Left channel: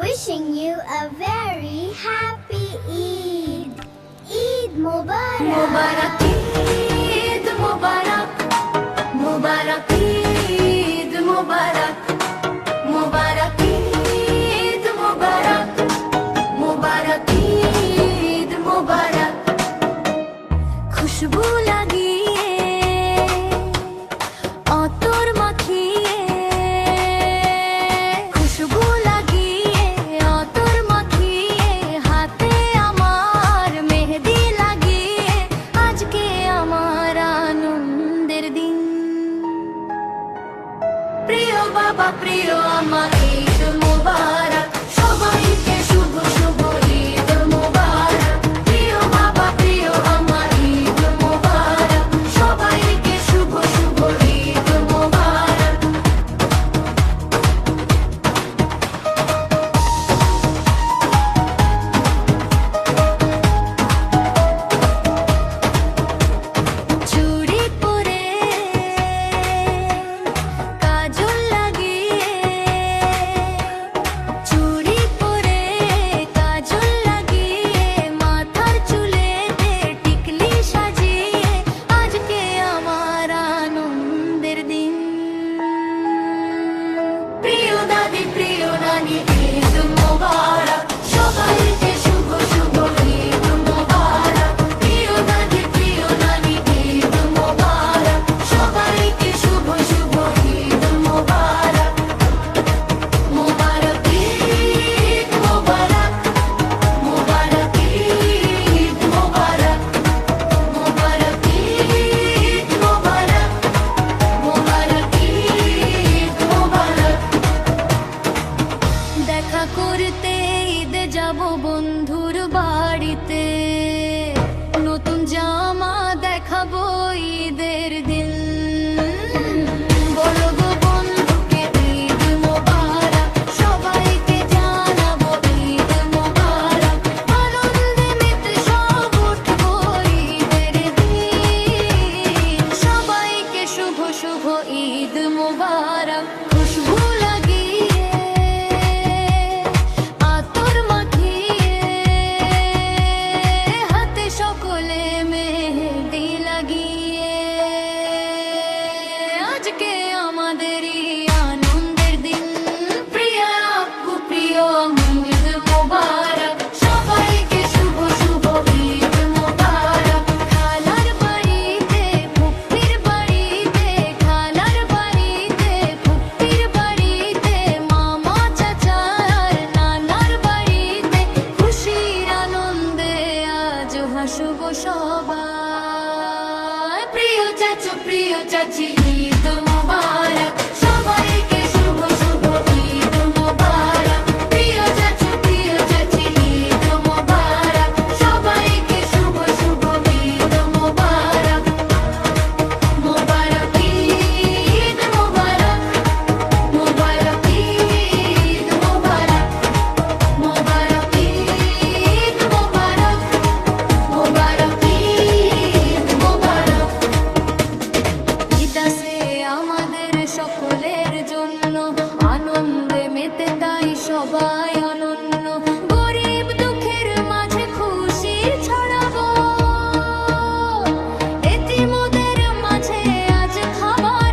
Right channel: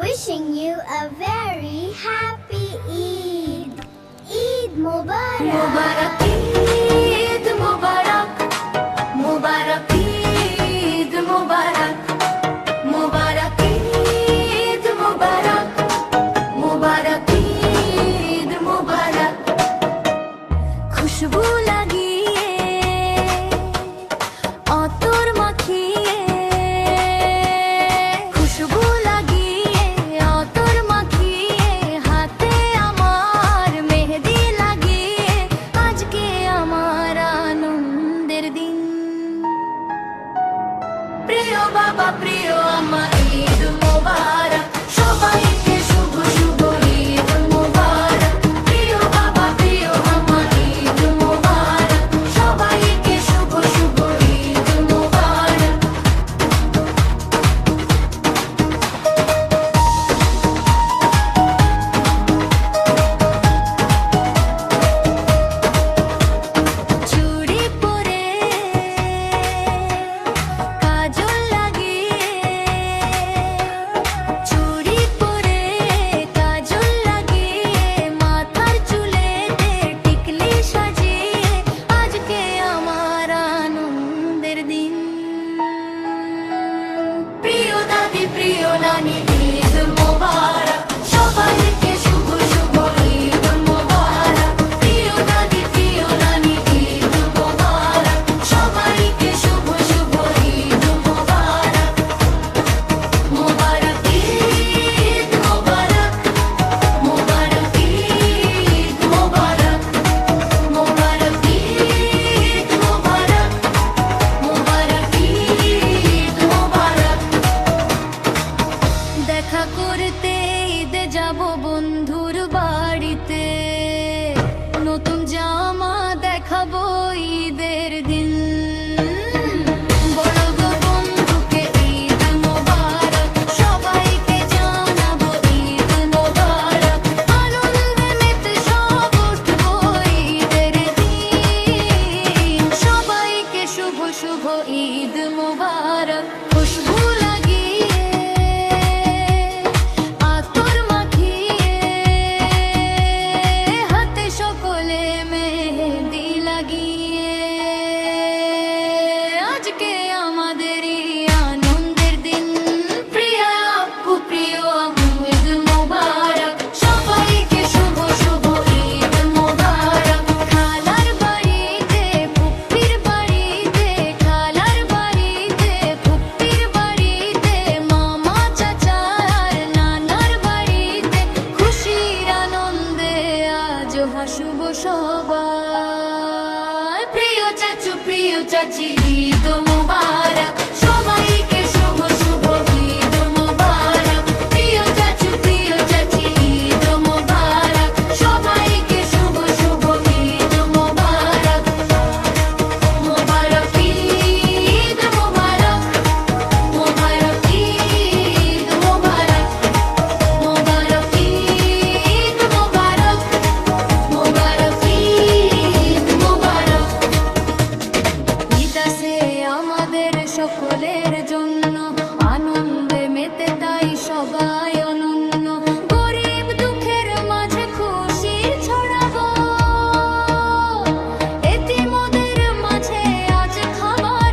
wishing you a very happy Eid. Eid Mubarak. Mubarak Eid Mubarak, Mubarak Eid Mubarak, Mubarak Eid Mubarak, Mubarak Eid Mubarak। খুশবু লাগিয়ে অতর মাখিয়ে, খুশবু লাগিয়ে অতর মাখিয়ে, হাতে আমার মেহেদি লাগিয়ে, আজকে আমার আনন্দের দিন। প্রিয় বাবা প্রিয় আমা ঈদ মোবারক, সবাইকে শুভ শুভ ঈদ মোবারক। প্রিয় বাবা প্রিয় আমা ঈদ মোবারক, সবাইকে শুভ শুভ ঈদ মোবারক। চুড়ি পরে কাজল লাগিয়ে, চুড়ি পরে কাজল লাগিয়ে, মাথার চুলেতে টিকলি সাজিয়ে, আজকে আমার আনন্দের দিন। প্রিয় দাদি প্রিয় নানি ঈদ মোবারক, সবাইকে শুভ শুভ ঈদ মোবারক। প্রিয় দাদি প্রিয় নানি ঈদ মোবারক, সবাইকে শুভ শুভ ঈদ মোবারক। মোবারক ঈদ মোবারক, মোবারক ঈদ মোবারক, মোবারক ঈদ মোবারক, মোবারক ঈদ মোবারক। দেখা করতে ঈদে যাব বন্ধুর বাড়িতে, নতুন জামা দেখাবো ঈদের দিন। বলবো বন্ধুকে ঈদ মোবারক, সবাইকে জানাবো ঈদ মোবারক। আনন্দে মেতে সব উঠবো ঈদের দিন, সবাইকে শুভ শুভ ঈদ মোবারক। খুশবু লাগিয়ে আতর মাখিয়ে, হাতে সকলে মেহেদি লাগিয়ে, আজকে আমাদের এই আনন্দের দিন। প্রিয় আব্বু প্রিয় আম্মু ঈদ মোবারক, সবাইকে শুভ শুভ ঈদ মোবারক। খালার বাড়িতে ফুপ্পির বাড়িতে, খালার বাড়িতে ফুপ্পির বাড়িতে, মামা চাচা আর নানার বাড়িতে, খুশির আনন্দে আজ হাসব সবাই। প্রিয় চাচু প্রিয় চাচি ঈদ মোবারক, সবাইকে শুভ শুভ ঈদ মোবারক। প্রিয় চাচু প্রিয় চাচি ঈদ মোবারক, সবাইকে শুভ শুভ ঈদ মোবারক। মোবারক ঈদ মোবারক, মোবারক ঈদ মোবারক, মোবারক ঈদ মোবারক, মোবারক ঈদ মোবারক। ঈদ আসে আমাদের সকলের জন্য, আনন্দে মেতে তাই সবাই অনন্য। গরিব দুঃখের মাঝে খুশি ছড়াবো, এতিমদের মাঝে আজ খাবার